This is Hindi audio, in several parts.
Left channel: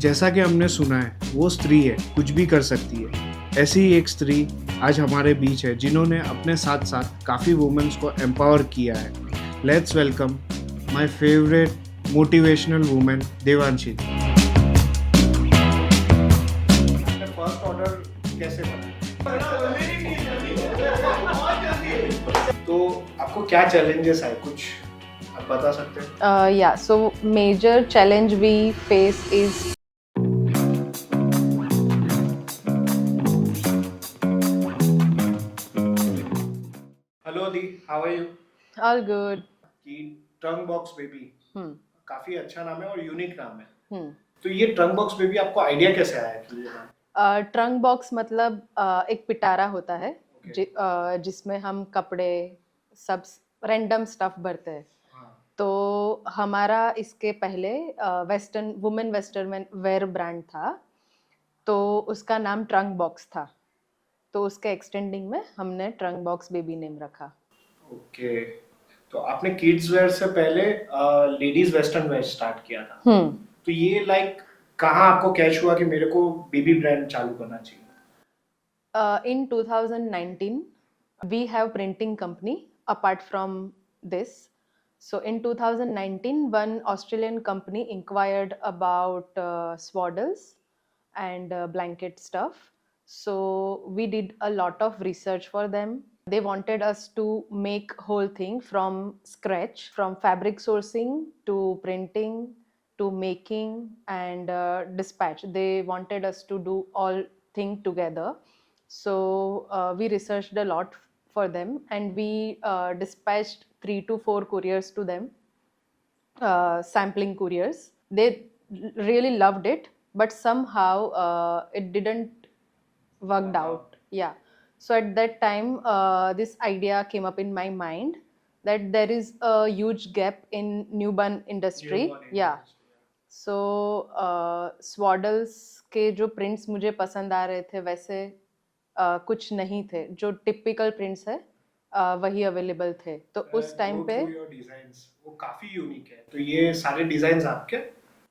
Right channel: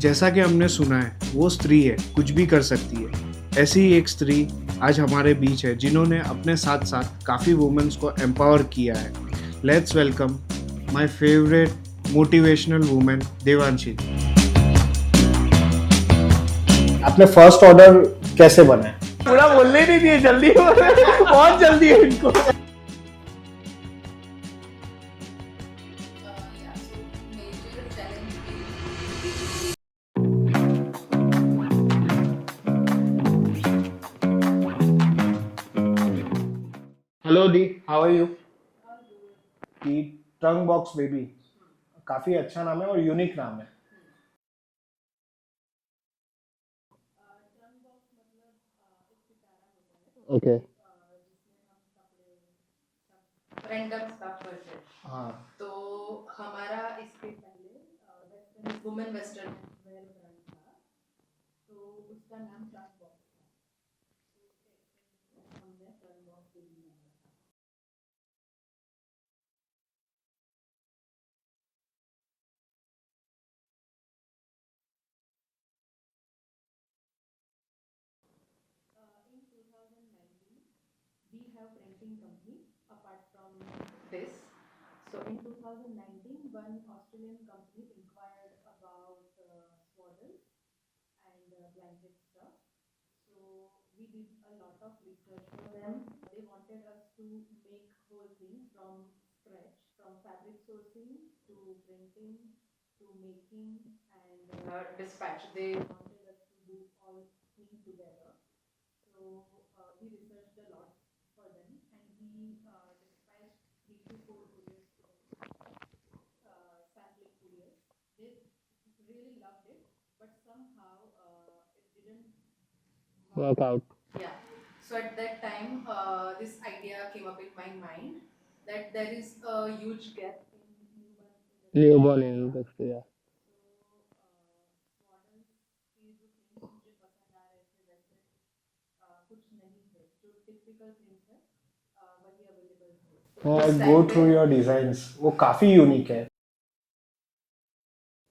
जैसा कि हमने सुना है वो स्त्री है, कुछ भी कर सकती है। ऐसी ही एक स्त्री आज हमारे बीच है जिन्होंने अपने साथ साथ काफ़ी वुमेन्स को एम्पावर किया है। Let's welcome my favourite motivational women Devanshi. आपने फर्स्ट ऑर्डर कैसे बनाया? पूरा बोलने नहीं दिए, जल्दी बहुत जल्दी है इनको। तो आपको क्या चैलेंजेस आए, कुछ आप बता सकते हैं? Yeah, so major challenge we face is hello दी, how are you? all good. The trunk box baby Hmm. काफ़ी अच्छा नाम है और यूनिक नाम है। Hmm. तो ये ट्रंक बॉक्स बेबी आपको आइडिया कैसे आया कि ये नाम? ट्रंक बॉक्स मतलब एक पिटारा होता है Okay. जिसमें हम कपड़े सब रैंडम स्टफ भरते हैं। हाँ, तो हमारा इसके पहले वेस्टर्न वेयर ब्रांड था, तो उसका नाम ट्रंक बॉक्स था। तो उसके एक्सटेंडिंग में हमने ट्रंक बॉक्स बेबी नेम रखा। ओके। तो आपने किड्स वेयर से पहले लेडीज वेस्टर्न वेयर स्टार्ट किया था। तो ये लाइक कहाँ आपको कैच हुआ कि मेरे को बेबी ब्रांड चालू करना चाहिए? In 2019, we have printing company apart from this. So in 2019, one Australian company inquired about swaddles and blanket stuff. So we did a lot of research for them. They wanted us to make whole thing from scratch, from fabric sourcing to printing to making and dispatch. They wanted us to do all thing together. So we researched a lot for them, and we dispatched 3 to 4 couriers to them, sampling couriers. They really loved it, but somehow it didn't work out. Yeah. So at that time, this idea came up in my mind that there is a huge gap in newborn industry. Yeah. industry, yeah. सो स्वाडल्स के जो प्रिंट्स मुझे पसंद आ रहे थे वैसे कुछ नहीं थे। जो टिपिकल प्रिंट्स है वही अवेलेबल थे। तो I उस go टाइम through पे your designs. वो काफी यूनिक है. तो ये सारे डिजाइन आपके?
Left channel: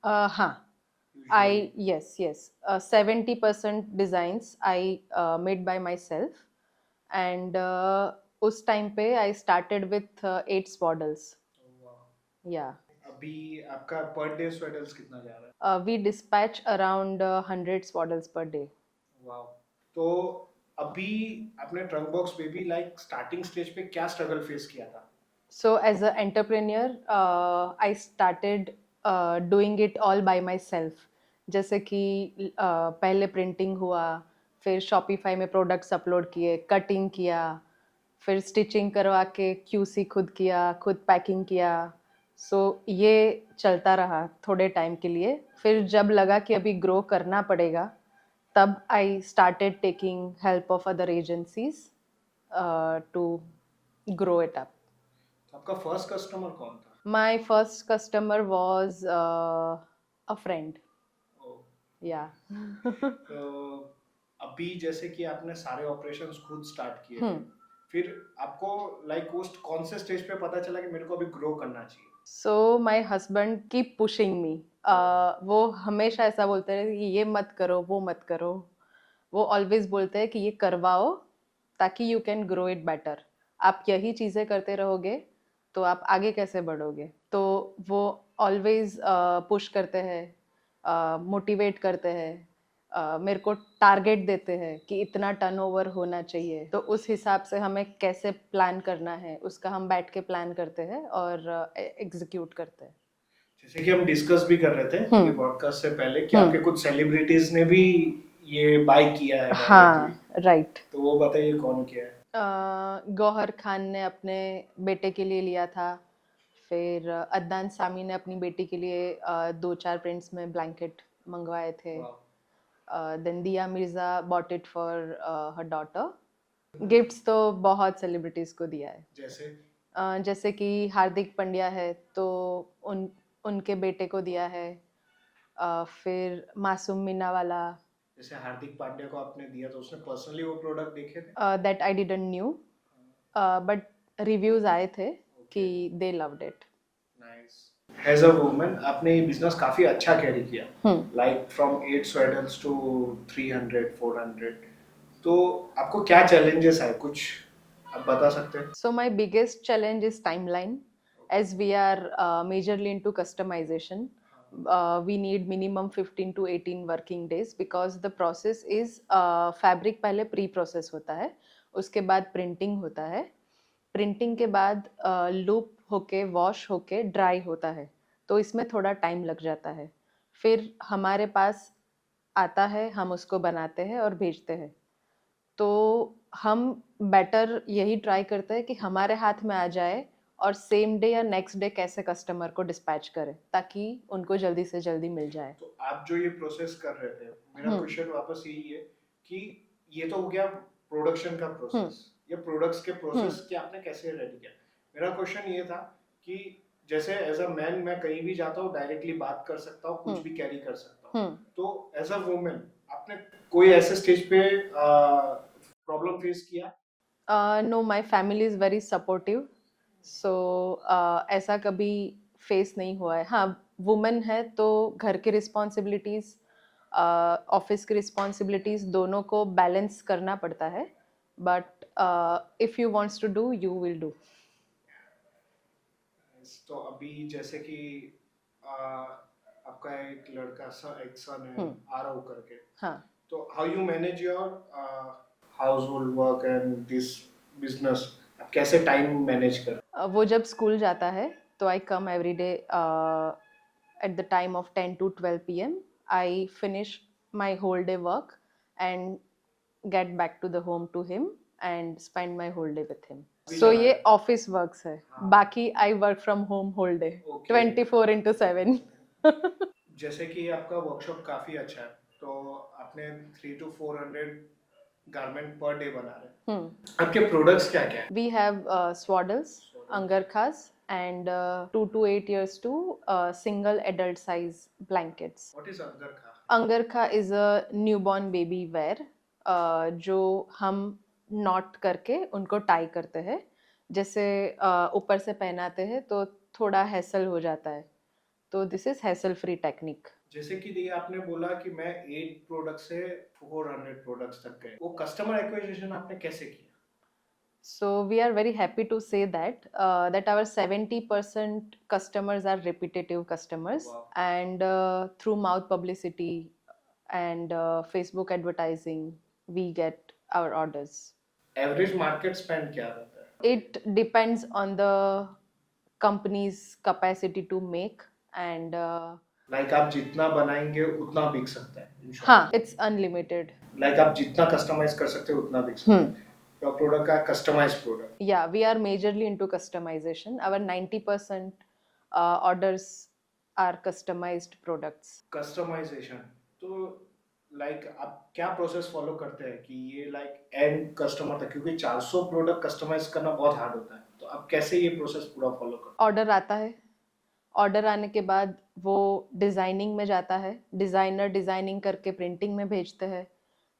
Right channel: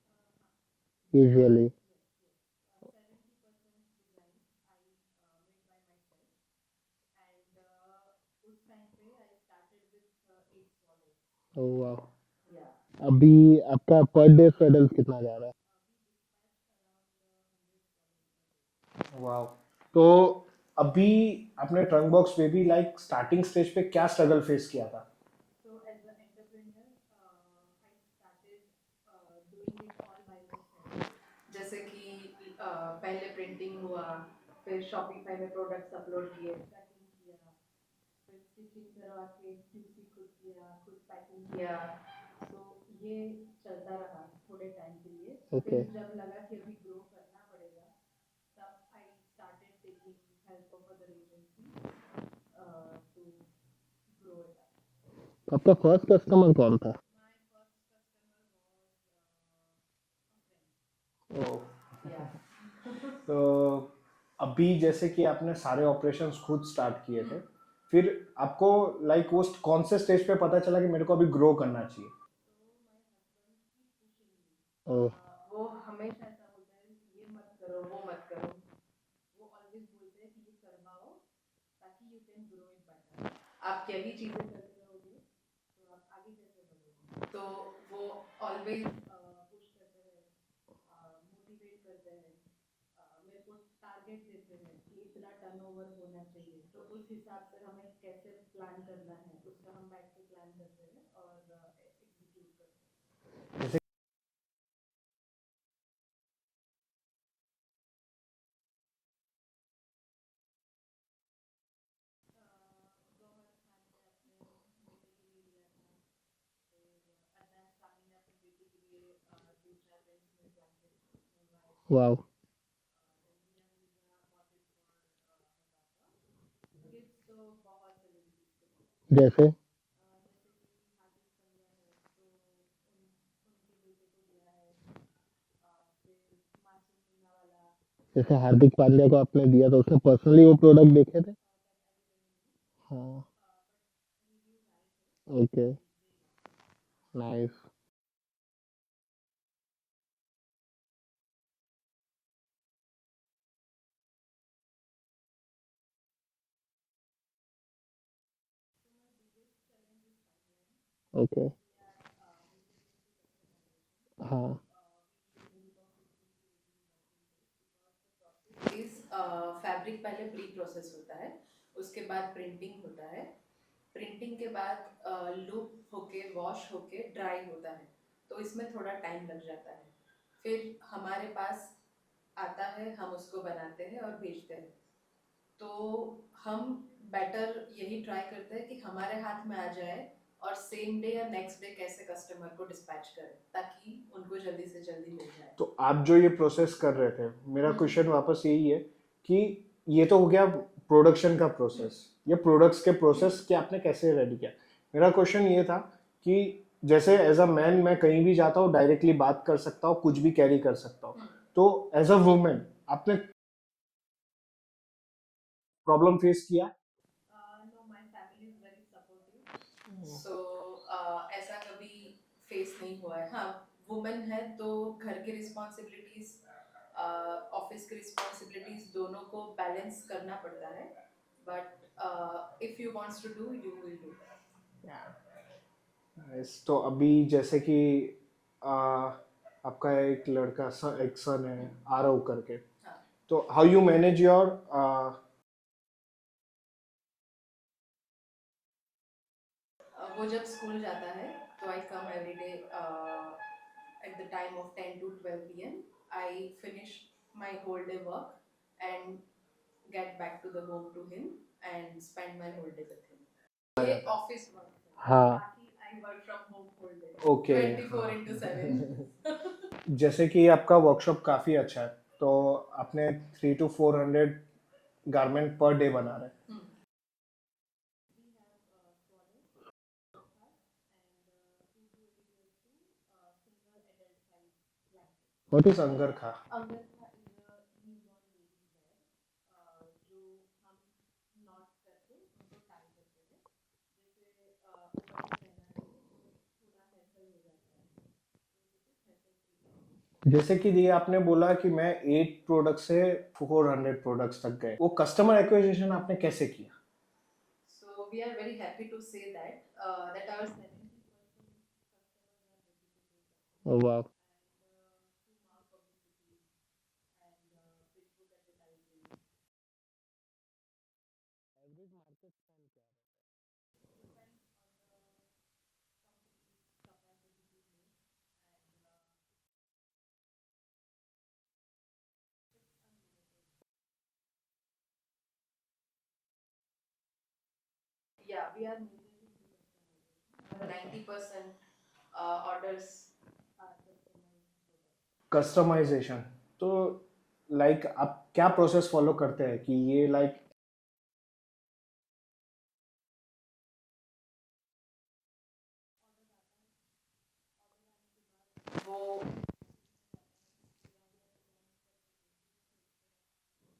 हाँ, Usually. I yes 70% designs I made by myself, and उस टाइम पे I started with 8 swaddles. Oh wow. Yeah. अभी आपका पर डे स्वेडल्स कितना जा रहा है? We dispatch around 100 swaddles per day. Wow. तो अभी आपने trunk box baby like starting stage पे क्या स्ट्रगल फेस किया था? So as an entrepreneur, I started doing it all by myself. जैसे कि पहले प्रिंटिंग हुआ, फिर शॉपिफाई में प्रोडक्ट्स अपलोड किए, कटिंग किया, फिर स्टिचिंग करवा के क्यूसी खुद किया, खुद पैकिंग किया। सो ये चलता रहा थोड़े टाइम के लिए। फिर जब लगा कि अभी ग्रो करना पड़ेगा, तब I started taking help of other agencies to grow it up. आपका फर्स्ट कस्टमर कौन था? My first customer was a friend. Yeah. तो अभी जैसे कि आपने सारे ऑपरेशंस खुद स्टार्ट किए थे, फिर आपको लाइक वो कौन से स्टेज पे पता चला कि मेरे को अभी ग्रो करना चाहिए? So my husband keep pushing me. वो हमेशा ऐसा बोलते रहे कि ये मत करो, वो मत करो। वो ऑलवेज बोलते हैं कि ये करवाओ ताकि you can grow it better. आप यही चीज़ें करते रहोगे तो आप आगे कैसे बढ़ोगे? तो वो ऑलवेज पुश करते हैं, मोटिवेट करते हैं, मेरे को टारगेट देते हैं कि इतना टर्नओवर होना चाहिए। तो उस हिसाब से हमें कैसे प्लान करना है उसका हम बैठ के प्लान करते हैं और एग्जीक्यूट करते हैं। जैसे कि हम डिस्कस भी कर रहे थे ये पॉडकास्ट से पहले कि आपके कुछ सेलिब्रिटीज ने भी ये बाय किया है। हाँ, राइट। तो वो बताइए कौन किया है? गौहर खान ने अपने बेटे के लिए लिया था, फिर अदनान सामी ने अपनी बेटी के लिए 2-4 प्रिंट्स में ब्लैंकेट मंगवाए थे। वाओ. देन दिया Mirza bought it for her daughter. Gifts तो बहुत सेलिब्रिटीज को दिया है। जैसे? जैसे कि हार्दिक पांड्या है तो उनके बेटे को दिया है। फिर मासूम मीना वाला। जैसे हार्दिक पांड्या को आपने दिया तो उसने पर्सनली वो प्रोडक्ट देखे थे? दैट आई डिडंट न्यू, हाँ. बट रिव्यूज आए थे Okay. कि they loved it. Nice. As a woman आपने ये बिजनेस काफी अच्छा कैरी किया, लाइक फ्रॉम 8 स्वेटर्स टू 300 400, तो आपको क्या चैलेंजेस आए, कुछ आप बता सकते हैं? So my biggest challenge is timeline. Okay As we are majorly into customization, हाँ we need minimum 15 to 18 working days because the process is fabric पहले प्री प्रोसेस होता है, उसके बाद प्रिंटिंग होता है, प्रिंटिंग के बाद लूप होके वॉश होके ड्राई होता है, तो इसमें थोड़ा टाइम लग जाता है। फिर हमारे पास आता है, हम उसको बनाते हैं और भेजते हैं। तो हम बेटर यही ट्राई करते हैं कि हमारे हाथ में आ जाए और सेम डे या नेक्स्ट डे कैसे कस्टमर को डिस्पैच करें ताकि उनको जल्दी से जल्दी मिल जाए। तो आप जो ये प्रोसेस कर रहे थे, मेरा क्वेश्चन वापस यही है कि ये तो हो गया प्रोडक्शन का प्रोसेस, ये प्रोडक्ट्स के प्रोसेस के आपने कैसे रेडी किया। मेरा क्वेश्चन ये था कि जैसे एज अ मैन मैं कहीं भी जाता हूँ डायरेक्टली बात कर सकता हूँ, कुछ भी कैरी कर सकता हूँ, तो एज अ वुमेन आपने कोई ऐसे स्टेज पे प्रॉब्लम फेस किया? No, my family is very supportive, so ऐसा कभी फेस नहीं हुआ है। हाँ, वुमेन है तो घर की रिस्पॉन्सिबिलिटीज़ ऑफिस की रिस्पॉन्सिबिलिटीज़ दोनों को बैलेंस करना पड़ता है, but if you wants to do you will do. तो अभी जैसे कि आपका एक लड़का एक सन है आरव करके, हाँ, तो how you manage your house hold work and this business, आप कैसे टाइम मैनेज कर? वो जब स्कूल जाता है तो I come every day at the time of 10 to 12 p.m. I finish my whole day work and get back to the home to him and spend my whole day with him. So ये ऑफिस वर्क्स है, हाँ। बाकी I work from home whole day, Okay. 24/7। जैसे कि आपका वर्कशॉप काफी अच्छा है, तो आपने 3 to 400 गारमेंट पर डे बना रहे हैं। आपके प्रोडक्ट्स क्या क्या है? We have swaddles, angarkhas, and 2 to 8 years to single adult size blankets. What is angrakha? Angrakha is a newborn baby wear जो हम नॉट करके उनको टाई करते हैं, जैसे ऊपर से पहनाते हैं तो थोड़ा हैसल हो जाता है, तो this is hassle free technique. जैसे कि ये आपने बोला कि मैं 8 प्रोडक्ट से 400 प्रोडक्ट्स तक गए, वो कस्टमर एक्विजिशन आपने कैसे किया? So we are very happy to say that our 70% customers are repetitive customers, wow. and through mouth publicity and Facebook advertising we get our orders. Average market spend क्या रहता है? It depends on the company's capacity to make and like आप जितना बनाएंगे उतना बिक सकता है। हाँ, it's unlimited. लाइक आप जितना कस्टमाइज कर सकते हो उतना बिक सकता है। योर प्रोडक्ट का customize product. Yeah, we are majorly into customization. Our 90% orders are customized products. Customisation, तो लाइक आप क्या प्रोसेस फॉलो करते हैं कि ये लाइक एंड कस्टमर तक, क्योंकि 400 प्रोडक्ट कस्टमाइज करना बहुत हार्ड होता है, तो आप कैसे ये प्रोसेस पूरा फॉलो करते हैं? ऑर्डर आता है, ऑर्डर आने के बाद वो डिज़ाइनिंग में जाता है, डिज़ाइनर डिज़ाइनिंग करके प्रिंटिंग में भेजते हैं,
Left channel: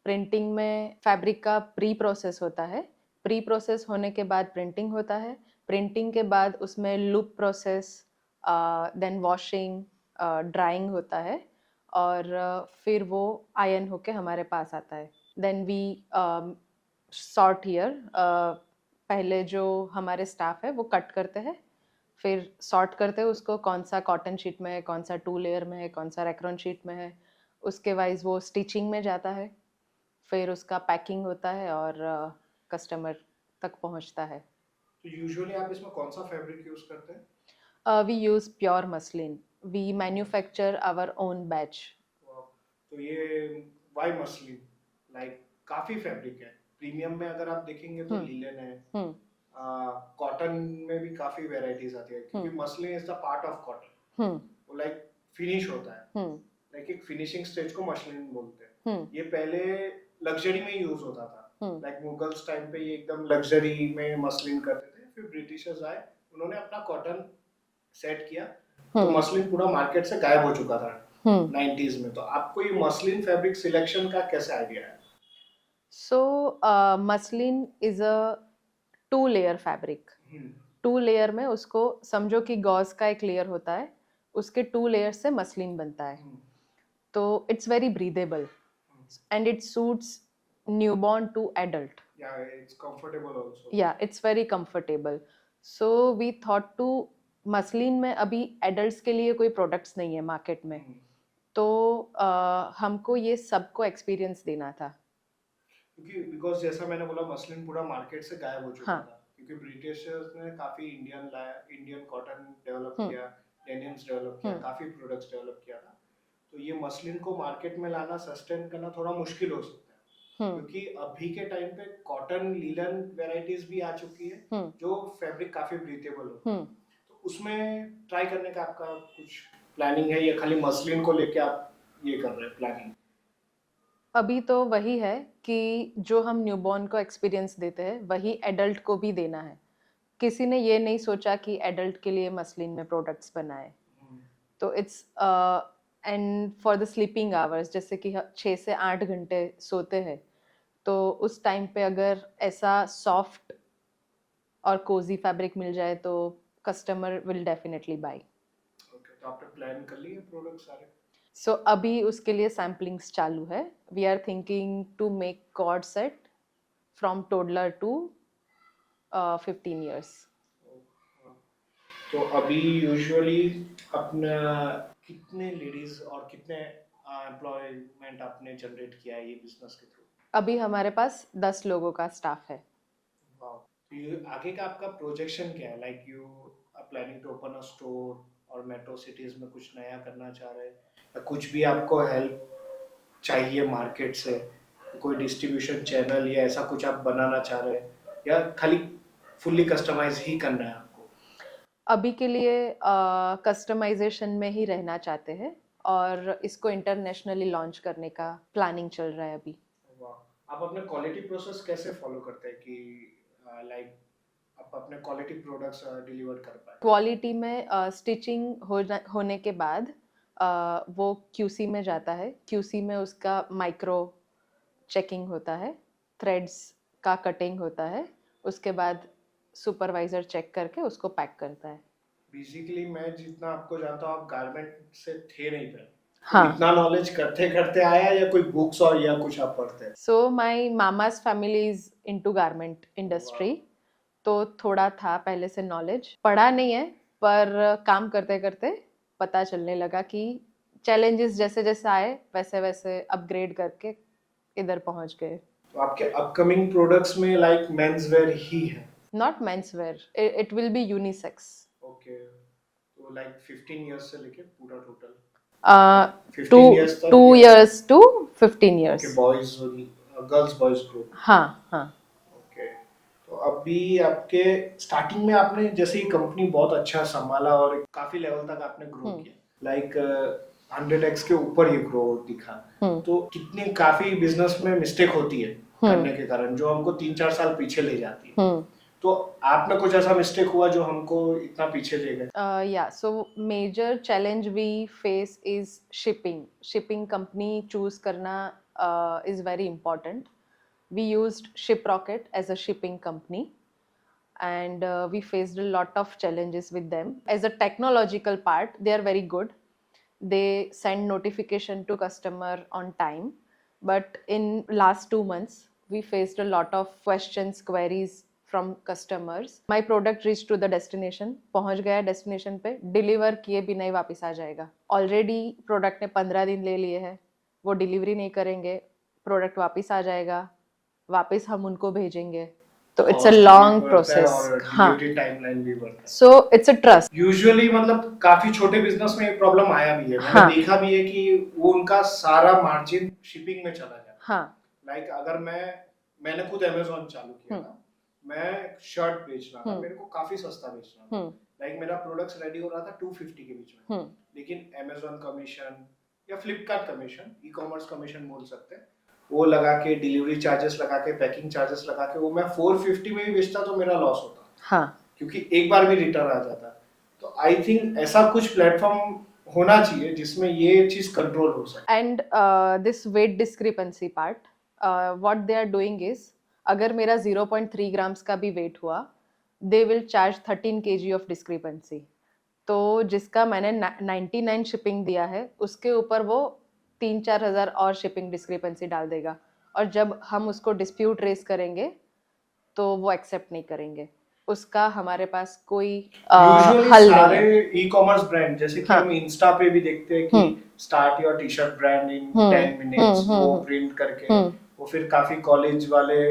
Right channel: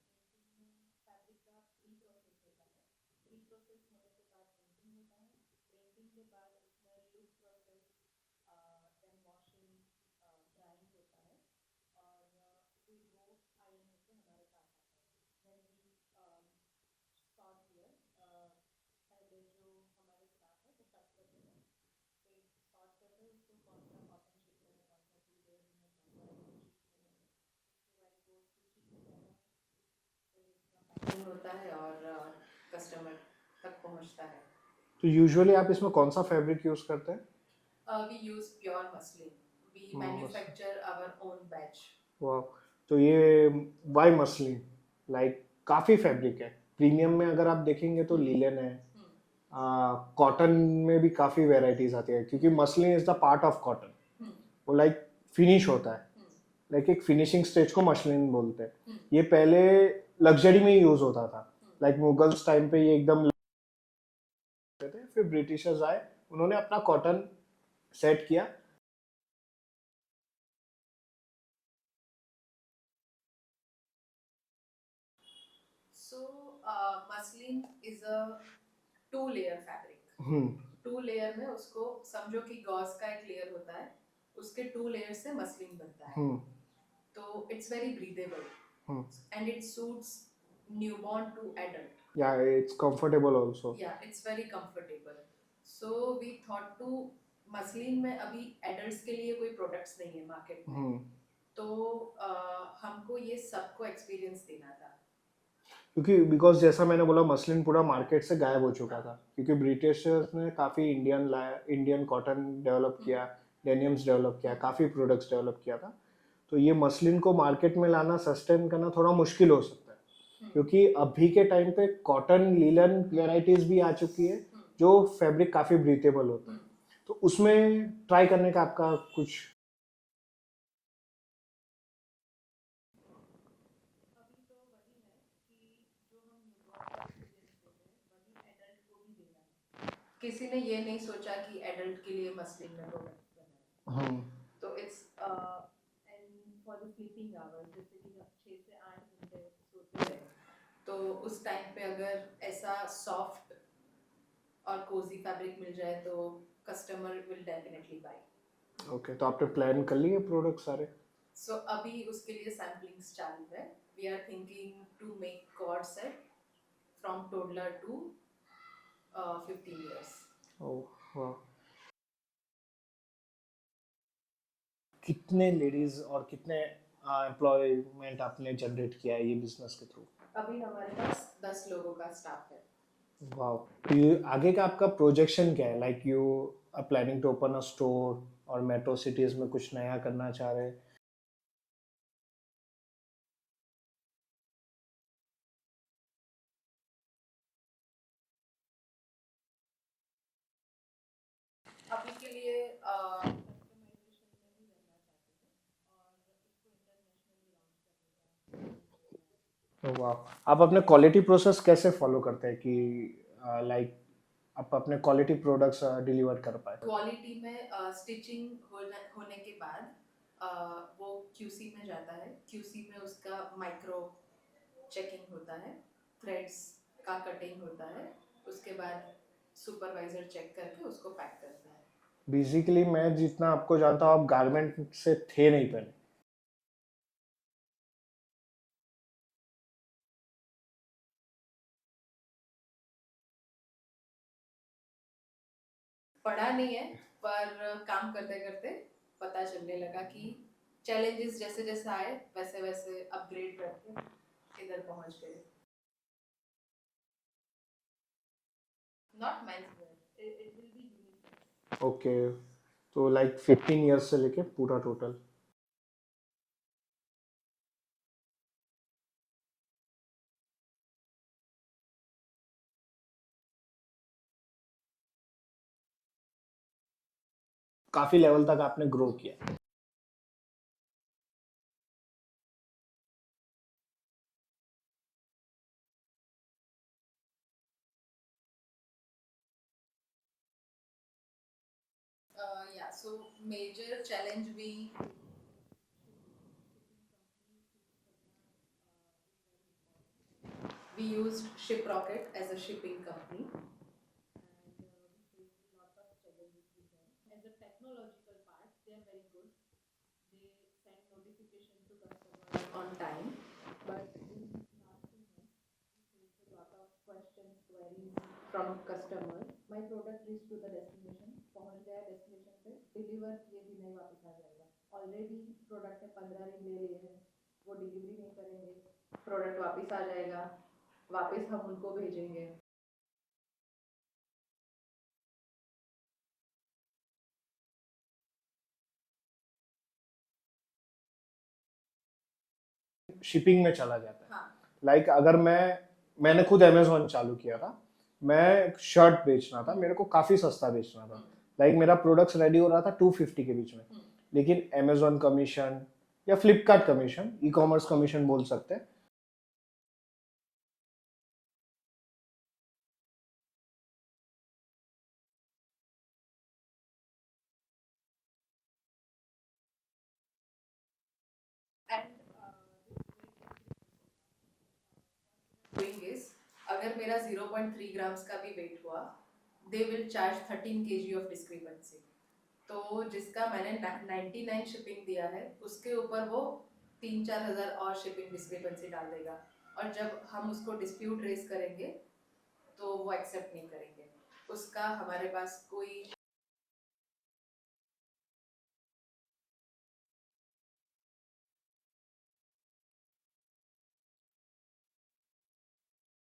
प्रिंटिंग में फैब्रिक का प्री प्रोसेस होता है, प्री प्रोसेस होने के बाद प्रिंटिंग होता है, प्रिंटिंग के बाद उसमें loop process, then washing, drying होता है, और फिर वो आयन होके हमारे पास आता है। देन वी सॉर्ट हियर, पहले जो हमारे स्टाफ है वो कट करते हैं, फिर सॉर्ट करते हैं उसको, कौन सा कॉटन शीट में है, कौन सा 2 लेयर में है, कौन सा रेक्रॉन शीट में है, उसके वाइज वो स्टिचिंग में जाता है, फिर उसका पैकिंग होता है और कस्टमर तक पहुंचता है। तो यूजुअली आप इसमें कौन सा फैब्रिक यूज करते हैं? We use pure muslin, we manufacture our own batch. वाह, तो ये वाई मसलिन लाइक काफी फैब्रिक है। प्रीमियम में अगर आप देखेंगे तो लिलन है, कॉटन में भी काफी वेराइटीज आती है, क्योंकि muslin is the part of cotton, वो लाइक फिनिश होता है, लाइक एक फिनिशिंग स्टेज को मसलिन बोलते हैं। ये पहले लग्जरी में यूज होता था, लाइक मुगल्स टाइम पे ये एकदम लग्जरी में मसलिन करते थे, फिर ब्रिटिशर्स आए, उन्होंने अपना कॉटन सेट किया, तो मसलिन पूरा मार्केट से गायब हो चुका था 90s में। तो आपको ये मसलिन फैब्रिक सिलेक्शन का कैसे आइडिया है? So muslin is a 2 layer fabric, 2 layer में उसको समझो कि गॉज का एक लेयर होता है, उसके 2 लेयर्स से मसलिन बनता है. हम्म तो it's very breathable and it suits newborn to adult. Yeah it's comfortable also. Yeah, it's very comfortable. So we thought to muslin में अभी एडल्ट्स के लिए कोई प्रोडक्ट्स नहीं है मार्केट में. तो हमको ये सबको एक्सपीरियंस देना था. क्योंकि बिकॉज जैसा मैंने बोला मसलिन पूरा मार्केट से गायब हो चुका हाँ. था क्योंकि ब्रिटिशर्स ने काफी इंडियन कॉटन डेवलप किया, डेनिम्स डेवलप किया, काफी प्रोडक्ट्स डेवलप किया था. तो ये मसलिन को मार्केट में लाना, सस्टेन करना थोड़ा मुश्किल हो सकता है क्योंकि अभी के टाइम पे कॉटन लीलन वेराइटीज भी आ चुकी है जो फैब्रिक काफी ब्रीथेबल होता है. तो उसमें ट्राई करने का आपका कुछ प्लानिंग है या खाली मसलिन को लेके आप ये कर रहे हैं प्लानिंग? अभी तो वही है कि जो हम न्यूबॉर्न को एक्सपीरियंस देते हैं वही एडल्ट को भी देना है. किसी ने ये नहीं सोचा कि एडल्ट के लिए मसलिन में प्रोडक्ट्स बनाए. तो it's and for the sleeping hours, जैसे कि 6 से 8 घंटे सोते हैं, तो उस टाइम पे अगर ऐसा सॉफ्ट और कोजी फैब्रिक मिल जाए तो customer will definitely buy. Okay, तो आपने प्लान कर लिए प्रोडक्ट सारे? सो अभी उसके लिए सैम्पलिंग्स चालू है. We are thinking to make cord set from toddler to 15 years. ओह वाह. तो अभी यूजुअली अपना कितने लेडीज और कितने एम्प्लॉयमेंट आपने जनरेट किया है ये बिजनेस के थ्रू? अभी हमारे पास 10 लोगों का स्टाफ है. वाओ. तो ये आगे का आपका प्रोजेक्शन क्या है? Like you are planning to open a store और मेट्रो सिटीज में कुछ नया करना चाह रहे हैं या कुछ भी आपको हेल्प चाहिए मार्केट से, कोई डिस्ट्रीब्यूशन चैनल या ऐसा कुछ आप बनाना चाह रहे हैं या खाली फुल्ली कस्टमाइज ही करना है आपको? अभी के लिए कस्टमाइजेशन में ही रहना चाहते हैं और इसको इंटरनेशनली लॉन्च करने का प्लानिंग चल रहा है अभी. वाह. आप अपने क्वालिटी प्रोसेस कैसे फॉलो करते हैं कि लाइक आप अपने क्वालिटी प्रोडक्ट्स डिलीवर कर पाए? क्वालिटी में स्टिचिंग होने के बाद वो QC में जाता है. QC में उसका माइक्रो चेकिंग होता है, थ्रेड्स का कटिंग होता है, उसके बाद सुपरवाइजर चेक करके उसको पैक करता है. बेसिकली मैं जितना आपको जानता हूँ आप गारमेंट से थे नहीं पहले. हाँ. इतना नॉलेज करते करते आया या कोई बुक्स और या कुछ आप पढ़ते हैं? सो माय मामा's family is into garment industry. तो थोड़ा था पहले से नॉलेज. पढ़ा नहीं है पर काम करते करते पता चलने लगा कि चैलेंजेस जैसे जैसे आए वैसे वैसे अपग्रेड करके इधर पहुंच गए. तो आपके अपकमिंग प्रोडक्ट्स में लाइक मेंस वेयर ही है? Not men's wear, it will be unisex. Okay. तो लाइक 15 इयर्स से लेके पूरा टोटल 2 years तक 2 years to 15 years. के बॉयज गर्ल्स बॉयज ग्रुप? हाँ हाँ. ओके. तो अभी आपके स्टार्टिंग में आपने जैसे ही कंपनी बहुत अच्छा संभाला और काफी लेवल तक आपने ग्रो किया, लाइक 100x के ऊपर ये ग्रो दिखा, तो कितनी काफी बिजनेस में मिस्टेक होती है करने के कारण जो हमको 3-4 साल पीछे ले जाती है. तो आप में कुछ ऐसा मिस्टेक हुआ जो हमको इतना पीछे ले गए? Yeah, so major challenge we face is shipping. Shipping company choose करना is very important. We used Shiprocket as a shipping company and we faced a lot of challenges with them. As a technological part, they are very good. They send notification to customer on time. But in last 2 months, we faced a lot of questions, queries from customers. My product reached to the destination. पहुंच गया destination पे, deliver किए बिना ही वापस आ जाएगा. Already product ने 15 दिन ले लिए हैं, वो delivery नहीं करेंगे, product वापस आ जाएगा, वापस हम उनको भेजेंगे. तो it's a long process. हाँ. Delivery timeline भी बढ़ता है. So it's a trust. Usually मतलब काफी छोटे बिजनेस में प्रॉब्लम आया भी है. मैंने हाँ. देखा भी है कि वो उनका सारा मार्जिन शिपिंग में चला जाता है. हाँ. लाइक अगर मैंने खुद अमेज़न चालू किया था, मैं शर्ट बेचना था, मेरे को काफी सस्ता बेचना था. लाइक मेरा प्रोडक्ट्स रेडी हो रहा था 250 के बीच में, लेकिन अमेज़न कमीशन या Flipkart commission, e commerce commission बोल सकते हैं, वो लगा के डिलीवरी चार्जेस लगा के पैकिंग चार्जेस लगा के वो मैं 450 में भी बेचता तो मेरा लॉस होता. हाँ. क्योंकि एक बार भी रिटर्न आ जाता. तो आई थिंक ऐसा कुछ प्लेटफॉर्म होना चाहिए जिसमें ये चीज कंट्रोल हो सके. And this weight discrepancy part, what they are doing is, अगर मेरा 0.3 ग्राम्स का भी वेट हुआ, they will charge 13 kg of discrepancy. तो जिसका मैंने 99 शिपिंग दिया है उसके ऊपर वो 3-4 हज़ार और शिपिंग डिस्क्रिपेंसी डाल देगा, और जब हम उसको डिस्प्यूट रेस करेंगे तो वो एक्सेप्ट नहीं करेंगे। उसका हमारे पास कोई यूजुअली हल नहीं सारे है। ई कॉमर्स ब्रांड, जैसे कि हाँ। हम इंस्टा पे भी देखते हैं कि हम्म। Start your T shirt brand in hmm, 10 minutes, hmm, वो हम्म, प्रिंट करके हम्म, वो फिर काफी कॉलेज वाले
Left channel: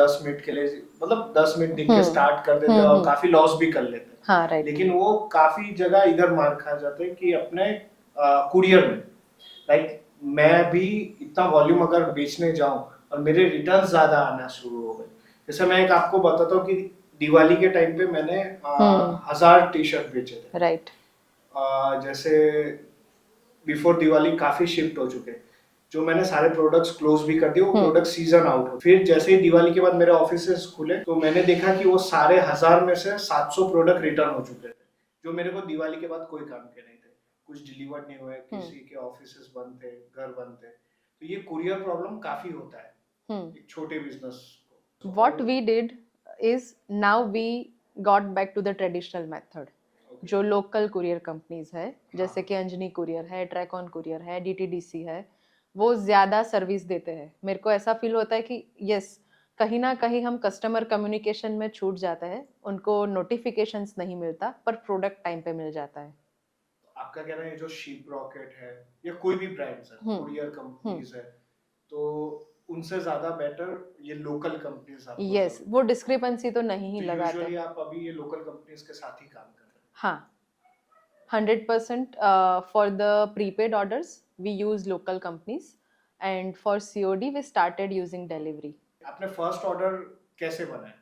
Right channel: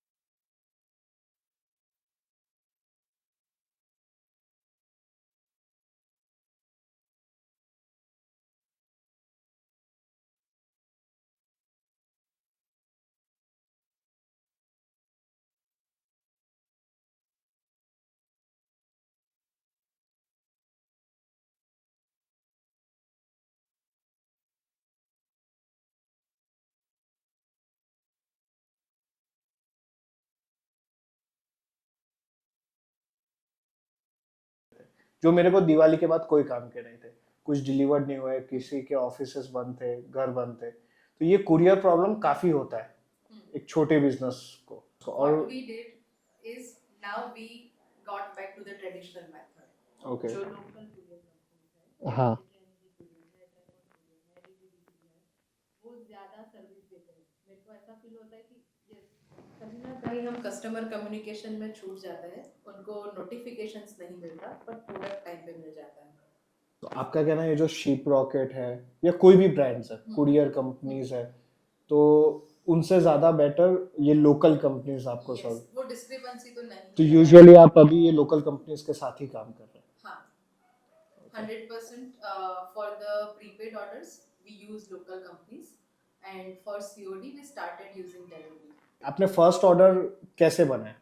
10 मिनट के लिए, मतलब 10 मिनट लिख के हम्म, स्टार्ट कर देते हैं और हम्म। काफी लॉस भी कर लेते हैं। हाँ, राइट। लेकिन वो काफी जगह इधर मार खा जाते हैं कि अपने कुरियर में, लाइक मैं भी इतना वॉल्यूम अगर बेचने जाऊं और मेरे रिटर्न ज्यादा आना शुरू हो गए। जैसे मैं एक आपको बताता हूँ कि दिवाली के टाइम पे मैंने 1000 टी शर्ट बेचे थे। राइट। जैसे बिफोर दिवाली काफी शिफ्ट हो चुके, जो मैंने सारे प्रोडक्ट्स क्लोज भी कर दिए, वो प्रोडक्ट सीजन आउट हो। फिर जैसे ही दिवाली के बाद मेरे ऑफिसेस खुले तो मैंने देखा कि वो सारे 1000 में से 700 प्रोडक्ट रिटर्न हो चुके थे, जो मेरे को दिवाली के बाद कोई काम के नहीं थे, कुछ डिलीवर्ड नहीं हुए, किसी के ऑफिसेस बंद थे, घर बंद थे। तो ये कुरियर प्रॉब्लम काफी होता है एक छोटे बिजनेस को। What we did is now we got back to the traditional method. Okay. जो लोकल कुरियर कंपनीज है, हाँ। जैसे कि अंजनी कुरियर है, ट्रैकऑन कुरियर है, डीटीडीसी है, वो ज्यादा सर्विस देते हैं। मेरे को ऐसा फील होता है कि यस, कहीं ना कहीं हम कस्टमर कम्युनिकेशन में छूट जाते हैं, उनको नोटिफिकेशंस नहीं मिलता पर प्रोडक्ट टाइम पे मिल जाता है। तो आपका कहना है ये जो शिप रॉकेट है या कोई भी ब्रांड्स है, कुरियर कंपनीज है, तो उनसे ज्यादा बेटर ये लोकल कंपनीज आपको यस, वो डिस्क्रिपेंसी तो नहीं ही तो लगा यूजुअली आप अभी ये लोकल कंपनीज के साथ ही काम कर रहे हैं? हाँ, 100% for the prepaid orders we use local companies, and for COD we started using delivery. आपने फर्स्ट ऑर्डर कैसे बनाया?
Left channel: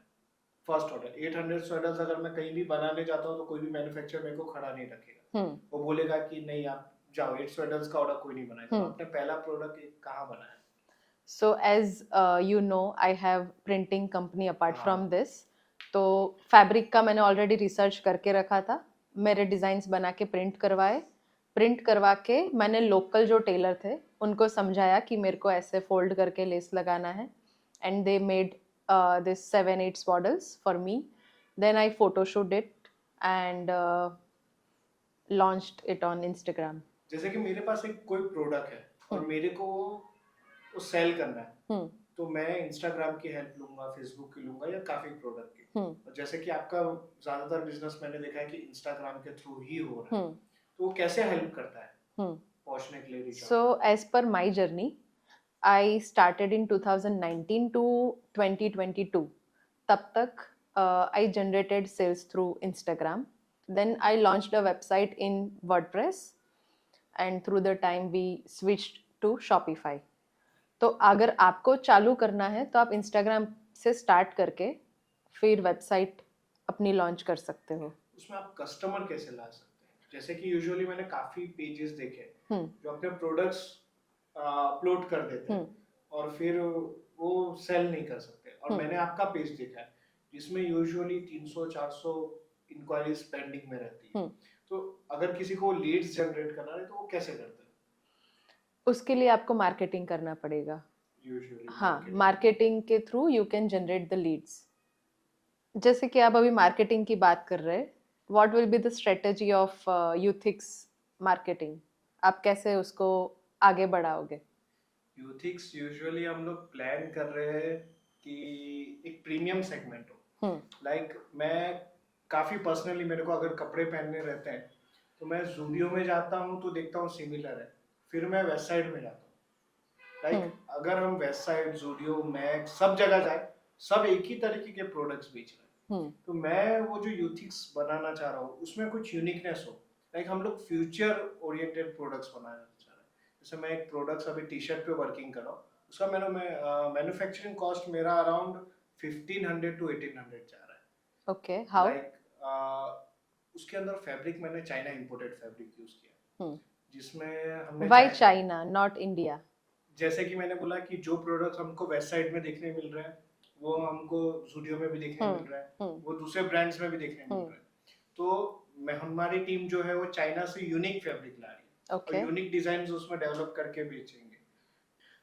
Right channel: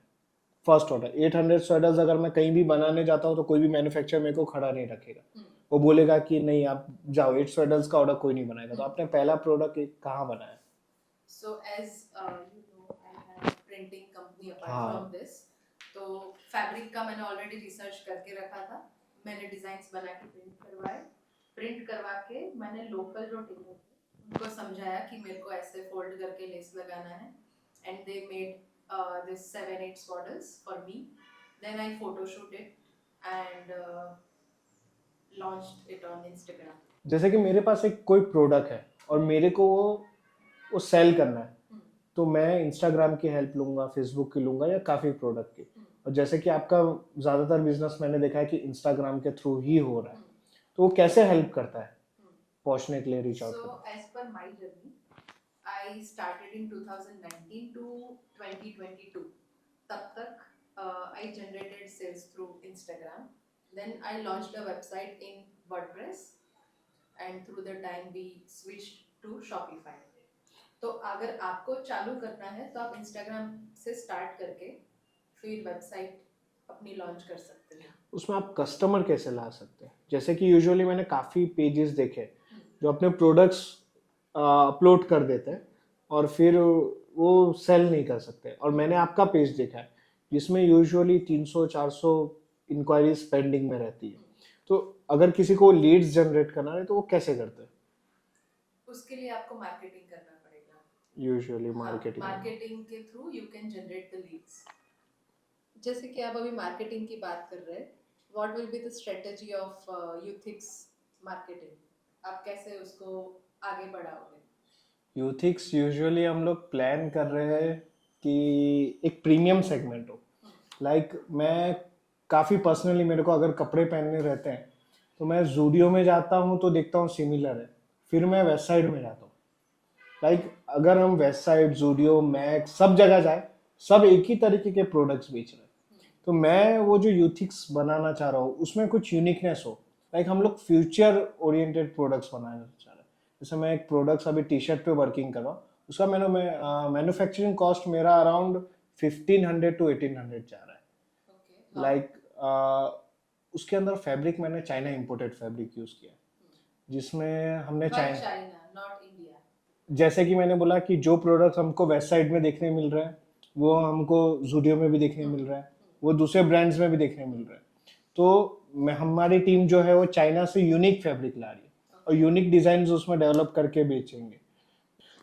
फर्स्ट ऑर्डर 800 स्वेटर्स अगर मैं कहीं भी बनाने जाता हूँ तो कोई भी मैन्युफैक्चरर मेरे को खड़ा नहीं रखेगा, वो बोलेगा कि नहीं आप जाओ, 8 स्वेटर्स का ऑर्डर कोई नहीं बनाएगा। तो आपने पहला प्रोडक्ट कहाँ बनाया? So as you know, I have printing company apart from this. तो फैब्रिक का मैंने ऑलरेडी रिसर्च करके रखा था, मेरे डिजाइन्स बना के प्रिंट करवा के मैंने लोकल जो टेलर थे उनको समझाया कि मेरे को ऐसे फोल्ड करके लेस लगाना है, and they made this 7-8 swaddles for me. Then I photoshoot it and launched it on Instagram. जैसे कि मेरे पास एक कोई प्रोडक्ट है और मेरे को वो सेल करना है, तो मैं इंस्टाग्राम की हेल्प लूंगा, फेसबुक की लूंगा या काफी प्रोडक्ट की। और जैसे कि आपका ज्यादातर बिजनेस मैंने देखा है कि इंस्टाग्राम के थ्रू ही हो रहा है, तो वो कैसे हेल्प करता है पहुंचने के लिए reach out? So as per my journey, I started in 2019 to 2022. तब तक I generated sales through Instagram. Then I launched a website in WordPress, and through the time we switched to Shopify. तो अगर आपको चालू करना है तो आप Instagram से स्टार्ट करके फिर वेबसाइट अपनी लॉन्च कर सकते हो। उसमें आप कस्टमर कैसे ला सकते हैं? जैसे कि यूजुअली मैंने काफी पेजेस देखे जो अपने प्रोडक्ट्स अपलोड कर देते हैं और फिर वो सेल नहीं कर सकते, और मैंने आपका पेज देखा है जिसमें यूजुअली 300-400 इंक्वायरीज पेंडिंग में रहती है। तो अगर किसी को लीड्स जनरेट करना है तो वो कैसे करते हैं? उसके लिए आपको मार्केटिंग करना पड़ेगा यूजुअली। हाँ, मार्केटिंग के through you can generate the leads. जैसे कि आप अभी मार्केटिंग की बात कर रहे हैं, what will be the strategy of Youthiks marketing? आप कैसे उसको आगे बढ़ाओगे? यूथिक्स यूजुअली हम लोग प्लान कर रहे हैं कि एक प्रीमियम सेगमेंट हो। लाइक मैं काफ़ी पर्सनली, मेरे को अगर कपड़े पहनने रहते हैं तो मैं जूडियो में जाता हूँ तो देखता हूँ सिमिलर है, फिर मैं वेस्ट साइड में जाता हूँ। लाइक अगर हम वेस्ट साइड, जूडियो, मैक्स सब जगह जाए, सब एक ही तरीके के प्रोडक्ट्स बेच रहे हैं। तो मैं वो जो यूथिक्स बनाना चाह रहा हूँ उसमें कुछ यूनिकनेस हो। लाइक हम लोग फ्यूचर ओरिएंटेड प्रोडक्ट्स बनाना चाह रहे हैं। जैसे मैं एक प्रोडक्ट्स अभी टी शर्ट पे वर्किंग कर रहा हूँ, उसका मैन्युफैक्चरिंग कॉस्ट मेरा अराउंड 1500 to 1800 जा रहा है। Okay, how? लाइक उसके अंदर फैब्रिक मैंने चाइना इंपोर्टेड फैब्रिक यूज किया, जिसमें हमने व्हाई चाइना, नॉट इंडिया? जैसे कि मैंने बोला कि जो प्रोडक्ट हमको वेस्ट साइड में देखने मिल रहा है वो हमको जूडियो में भी देखने मिल रहा है, वो दूसरे ब्रांड्स में भी देखने मिल रहा है। तो हमारी टीम जो है वो चाइना से यूनिक फैब्रिक ला रही है और यूनिक डिजाइन उसमें डेवलप करके बेचेंगे।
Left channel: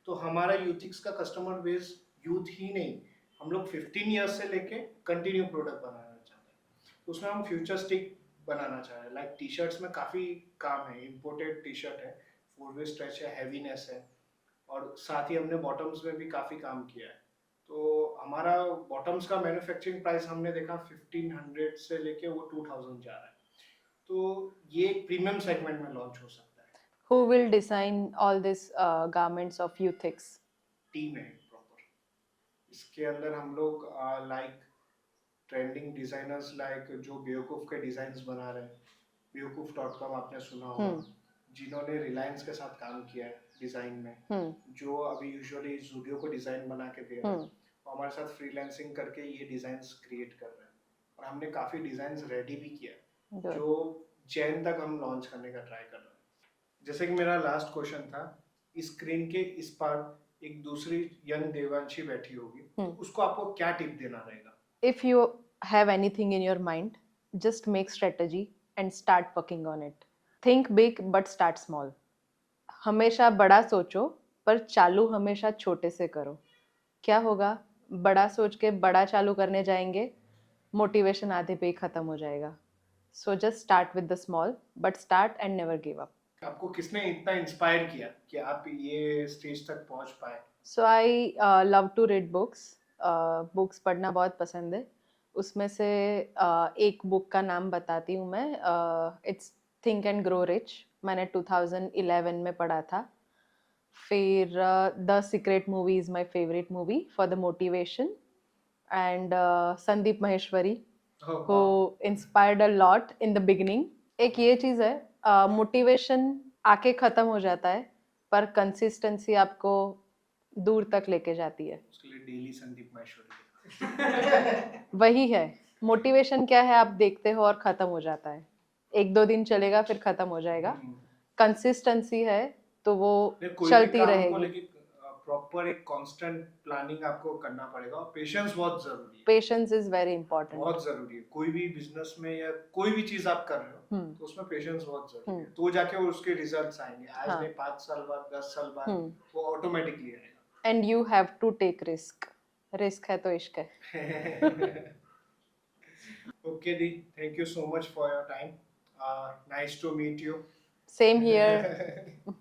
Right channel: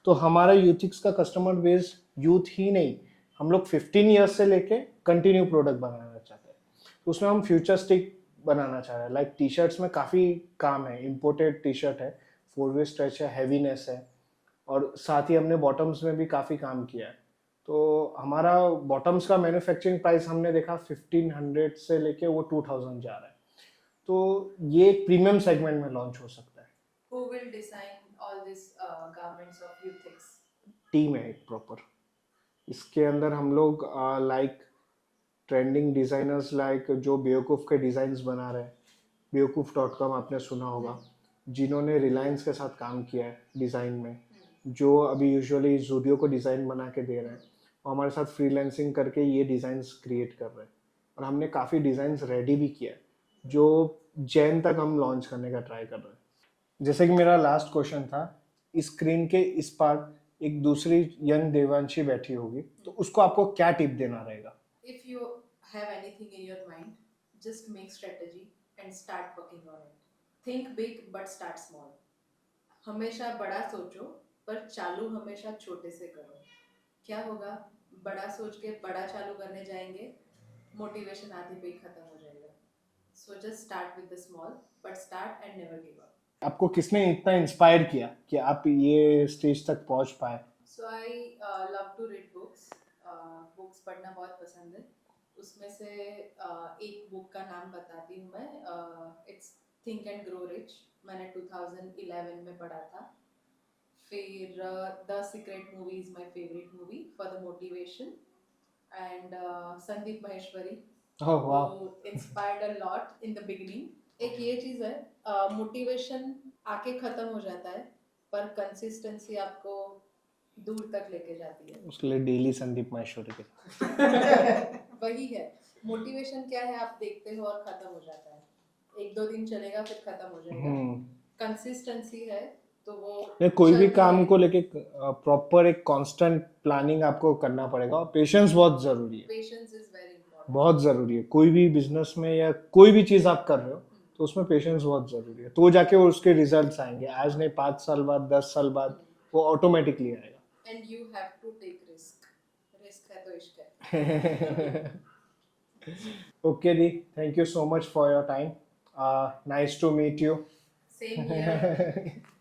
तो हमारा यूथिक्स का कस्टमर बेस यूथ ही नहीं, हम लोग 15 ईयर्स से लेके कंटिन्यू प्रोडक्ट बनाना चाहते हैं। तो उसमें हम फ्यूचरिस्टिक बनाना चाह रहे हैं। लाइक टी शर्ट्स में काफ़ी काम है, इम्पोर्टेड टी शर्ट है, 4-वे स्ट्रेच है, हैवीनेस है, और साथ ही हमने बॉटम्स में भी काफ़ी काम किया है। तो हमारा बॉटम्स का मैन्युफैक्चरिंग प्राइस हमने देखा 1500 से लेके वो 2000 जा रहा है। तो ये एक प्रीमियम सेगमेंट में लॉन्च हो सकता है। Who will design all these garments of Youthix? Team है एक प्रॉपर। इसके अंदर हम लोग लाइक ट्रेंडिंग डिजाइनर्स लाइक जो बेवकूफ़ के डिजाइन्स बना रहे हैं, बेवकूफ.com आपने सुना होगा, जिन्होंने रिलायंस के साथ काम किया है डिज़ाइन में, जो अभी यूजुअली जूडियो को डिज़ाइन बना के दे रहे हैं और हमारे साथ फ्रीलांसिंग करके ये डिज़ाइंस क्रिएट कर रहे हैं। और हमने काफ़ी डिज़ाइंस रेडी भी किया है जो जैन तक हम लॉन्च करने का ट्राई कर रहे हैं। जैसे कि मेरा लास्ट क्वेश्चन था, इस स्क्रीन के इस पार एक दूसरी यंग देवांशी बैठी होगी, तो उसको आपको क्या टिप देना रहेगा? If you have anything in your mind, just make strategy and start working on it. Think big but start small. हमेशा बड़ा सोचो पर चालू हमेशा छोटे से करो। क्या होगा, बड़ा सोच के बड़ा चालू करने जाएंगे, मोटिवेशन आधे पे ही खत्म हो जाएगा। So just start with the small, but start and never give up. आपको किसने इतना इंस्पायर किया कि आप ये स्टेज तक पहुंच पाए? So I love to read books. Books पढ़ना बहुत पसंद है। उसमें से एक बुक का नाम बताती हूँ मैं। It's think and grow rich. मैंने 2011 में पढ़ा था। फिर the secret movie is my favourite movie for the motivation, and Sandeep Maheshwari को inspired a lot in the beginning. एक ये चीज़ है, मोटिवेशन आके ख़त्म हो जाता है पर कंसिस्टेंसी आपको दूर तक लेके जाती है। उसके लिए डेली संदीप महेश्वरी के वही है मोटिवेशन। क्या है, आप देखते हो और खत्म हो जाता है, 1-2 दिन चलेगा फिर खत्म हो जाएगा। कंसिस्टेंसी है तो वो कोई भी काम रहेगी। को लेके प्रॉपर एक कांस्टेंट प्लानिंग आपको करना पड़ेगा और पेशेंस बहुत जरूरी है। पेशेंस इज वेरी इंपॉर्टेंट, बहुत जरूरी है। कोई भी बिजनेस में या कोई भी चीज आप कर रहे हो तो उसमें पेशेंस बहुत जरूरी है, तो जाके उसके रिजल्ट्स आएंगे। आज नहीं, 5 साल बाद, 10 साल बाद वो ऑटोमेटिकली आएगा। And you have to take risk. Risk है तो इश्क है। ओके दी, thank you so much for your time. Nice to meet you. Same here.